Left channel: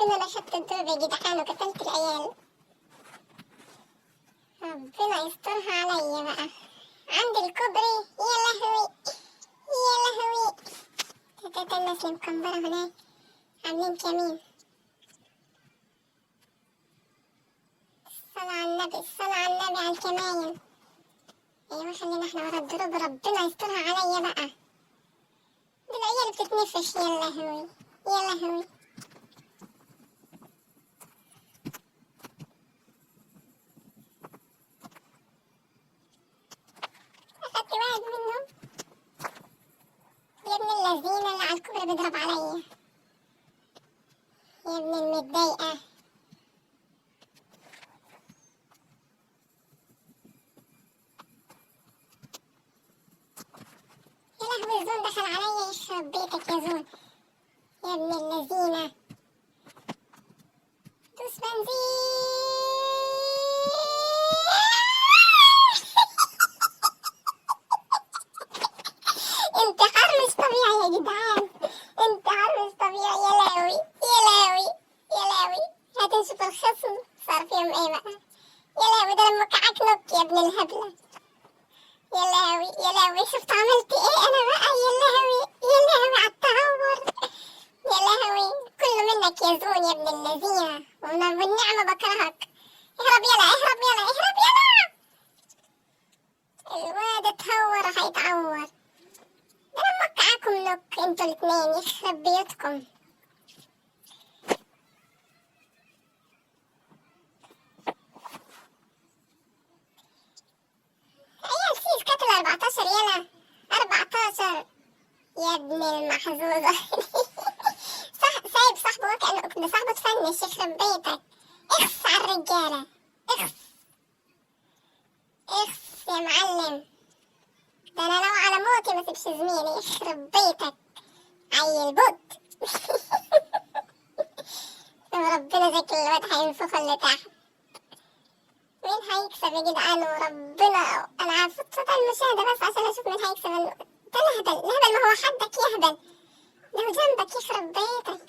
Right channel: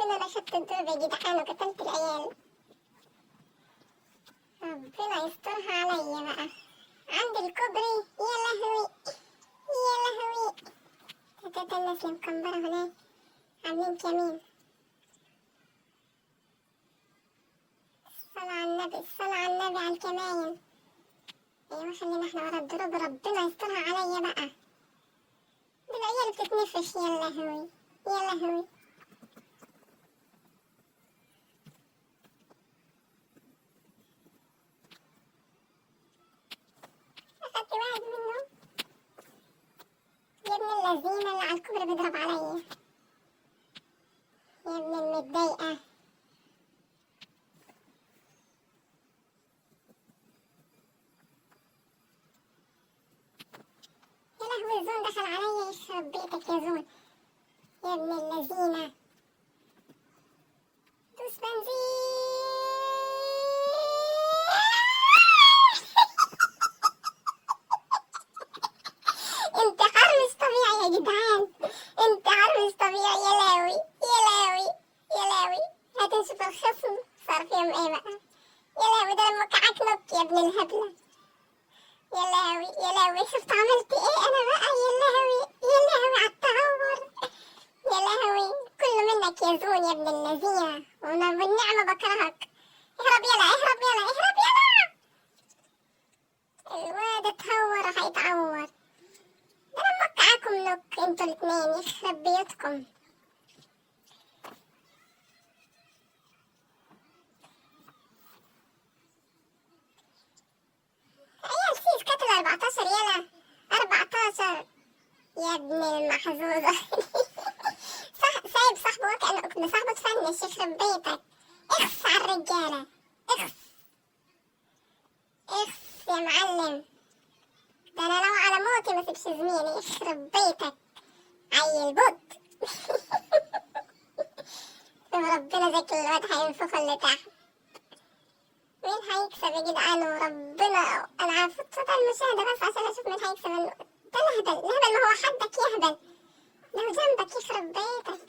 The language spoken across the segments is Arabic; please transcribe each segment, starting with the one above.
ربنا نشط الدود يا جدعان وقتلت العيال. ربنا يسترها عليا بقى. عند الكوبري يا لهوي يا لهوي. تلات الناس اللي مكمبرة هناك عاملين كمين. الصلاة على النبي الصلاة على النبي على الكماين. ايوه خلينا احنا ورا الدروب ربنا يسترها عليا بقى. العيال بتتنفش يا لهوي يا لهوي. أخدت واحد منهم. يا ابن اللذينة اللي على الكوبري بيضرب عليا. يا ابن المتضايقة. يا لهوي زون دخل عليا يخرب بيتك يا زون. يا ابن اللذينة. دوس بنزين. انتحار مش طبيعي يا جدعان. انتحار مش طبيعي يا لاوي يا لاوي يا لاوي. هتنشف الخصم صار فيهم ايه بقى. يا لاوي ده لما وقعك نط يا ابن الهبلة. يا لاوي يا لاوي شفت عملت ايه انا بقى. يا لاوي يا لاوي على التهور. يا لهوي كله منك يا زون يا ابن اللذينة. وانا بالنعمة بكرهك. اهرب يلا اهرب يلا اهرب يلا. الواد اتهور هيتعور. ده انا موقعاكم نوك انتوا الاتنين يخرب بيوتكم. عيال سيس قتل 14 يلا 14 يا ابن المحظوظة. سايب صاحبه وكأنه كنت صاحبه تفنش يخرب بيتك. اخس على الرجالة اخس اخس يا معلم. ده انا لو على موتي ما سيبش زميلي يخرب بيتك عيل بط. وربنا ذاك الواد هينفخ اللي تحت. مين هيكسب يا جدعان وربنا. انا عارفة صوت المشاهدة بس عشان اشوف مين هيكسب. ده الهبل الهبل ما هو حدك يهبل. ده هو جنبك يخرب بيتك.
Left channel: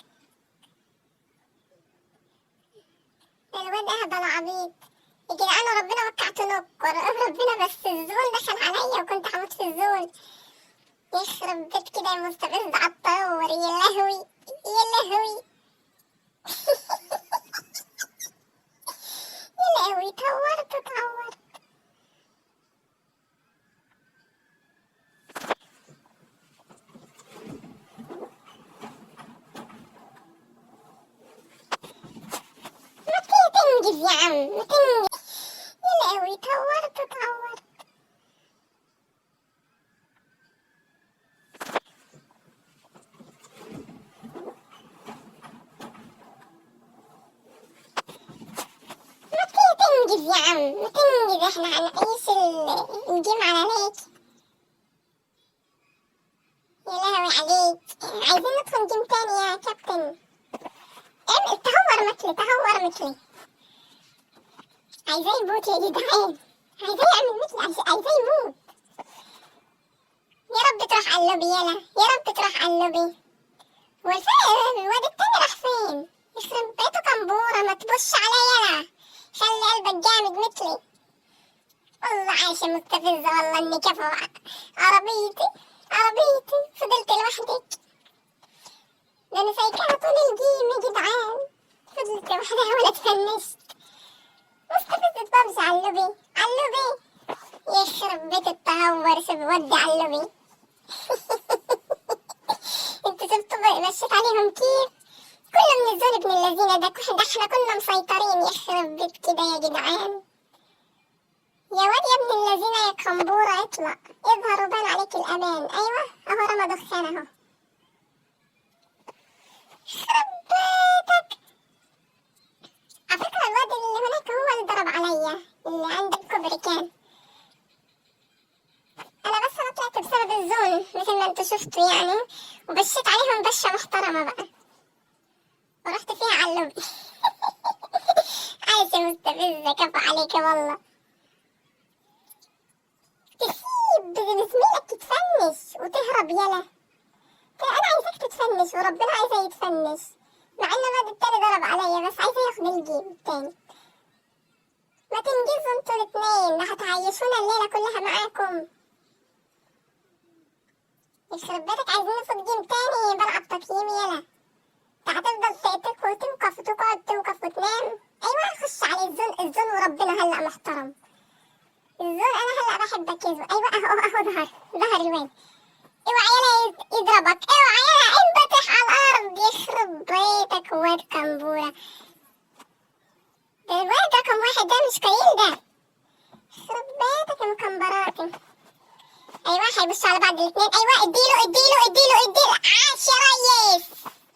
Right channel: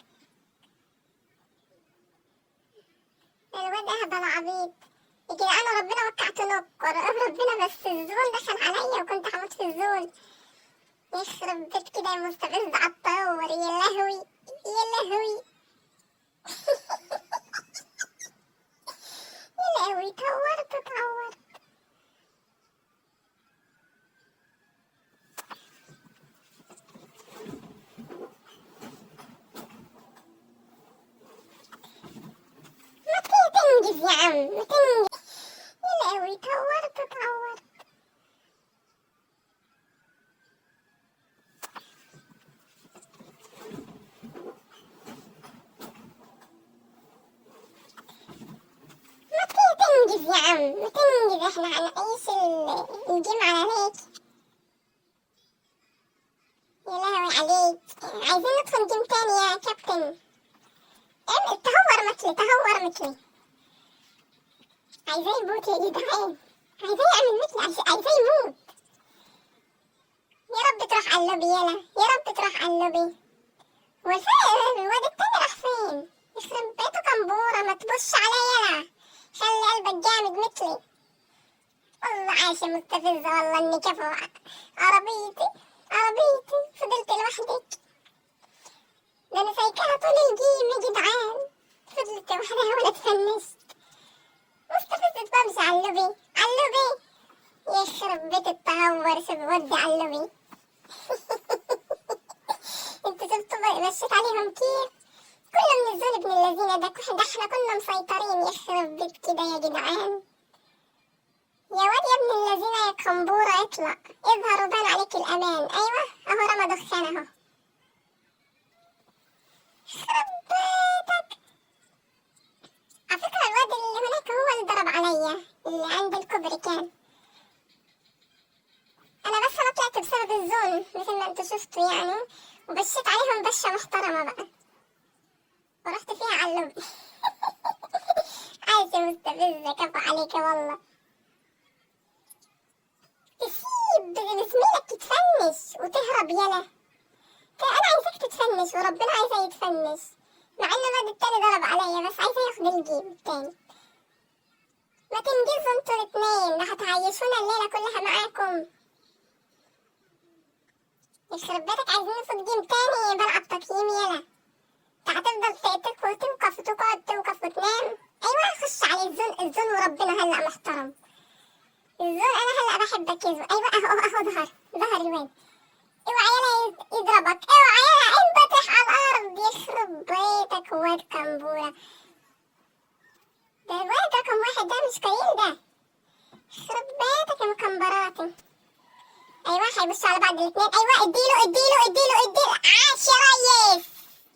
الواد اهبل عبيط يا جدعان وربنا وقعت نكر. ربنا بس الزول دخل عليا وكنت هموت في الزول. يخرب بيت كده مستفز عالطور. يا لهوي يا لهوي. يا لهوي اتهورت. ما تنجز يا عم ما تنجز. يا لهوي اتهورت. تنجز يا عم ما تنجز. احنا هنعيش الجيم عليك. يا لهوي عليك. عايزين ندخل جيم تاني يا كابتن. اعمل تهور مثلي. عايزاه يموت يا جدعان. عايزاه يعمل مثلي عايزاه يموت. يا رب تروح على اللوبي يلا يا رب تروح على اللوبي. والفعل الواد التاني راح فين. يخرب بيته كمبورة ما تبص عليا يلا. خلي قلبك جامد مثلي. والله عايشة مستفزة والله اني كفو. عربيتي فضلت لوحدك. ده انا سايقاها طول الجيم يا جدعان. فضلت لوحدها ولا تفنشت. مستفزة بمشي على اللوبي يخرب بيت التهور. ودي على اللوبي. انتوا شفتوا مشيت عليهم كيف. كله من الزول ابن اللذينة ده احنا كنا مسيطرين. يخرب بيت كده يا جدعان. يا واد يا ابن اللذينة يا كمبورة اطلع اظهر وبان عليك الأمان. أيوة أهو رمى دخان أهو. يخرب بيتك. على فكرة الواد اللي هناك هو اللي ضرب عليا اللي عند الكوبري كان. أنا بس أنا طلعت بسبب الزون مثل ما انتوا شفتوا يعني. وبشيت عليهم بشة محترمة بقى ورحت فيها على اللوبي. عايشة مستفزة كفو عليك والله. تسيب زميلك يتفنش وتهرب يلا. انا عايزك تتفنش وربنا عايزه يتفنش. مع ان الواد التاني ضرب الجيم التاني. ما تنجزوا انتوا الاتنين، ده هتعيشونا الليلة كلها معاكم. يخرب بيتك، عايزين نفوت جيم تاني بلعب تقييم يلا. انت هتفضل تنقف وتقعد تنقف وتنام. ايوه خش على الزون وربنا هلأ محترم. الزون انا هلأ بحبك يا زون. ايوه اهو ظهر الواد. اوعى يلا يضربك، اوعى يلا انبطح على الارض. يخرب بيتك واد كمبورة. الواد رقم 1 ده مش قليل ده. يخرب بيتك يا مكمبراتي. ايوه هيبصوا على بعض الاتنين. ايوه اديله عاش يا ريس.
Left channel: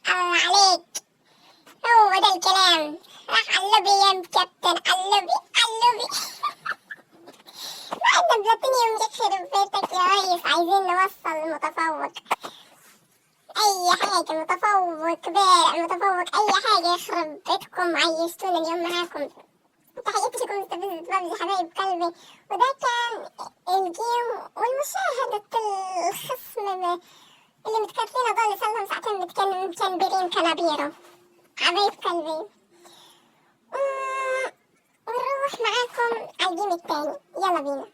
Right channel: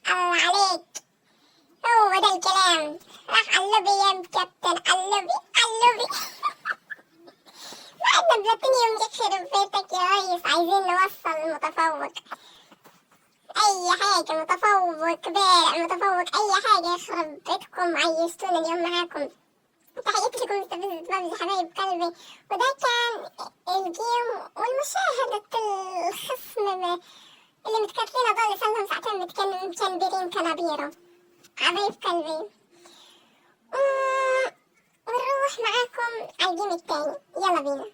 الله عليك، هو ده الكلام. راح قلبي يا كابتن، قلبي بعدنا بلاتينيوم. يخرب بيتك يا ريس، عايزين نوصل المتفوق. اي حاجة متفوق بارع متفوق اي حاجة. يخرب بيتكم عيشتونا اليوم معاكم. تحياتي لكم مستفزة بابجي حبايب قلبي. وده كان الجيم والمشاهدة الخصم اللي متكتلين دول صارلهم ساعتين متكنبرين كنابيرو حبايب قلبي. ونروح معاكم على الجيم التاني، يلا بينا.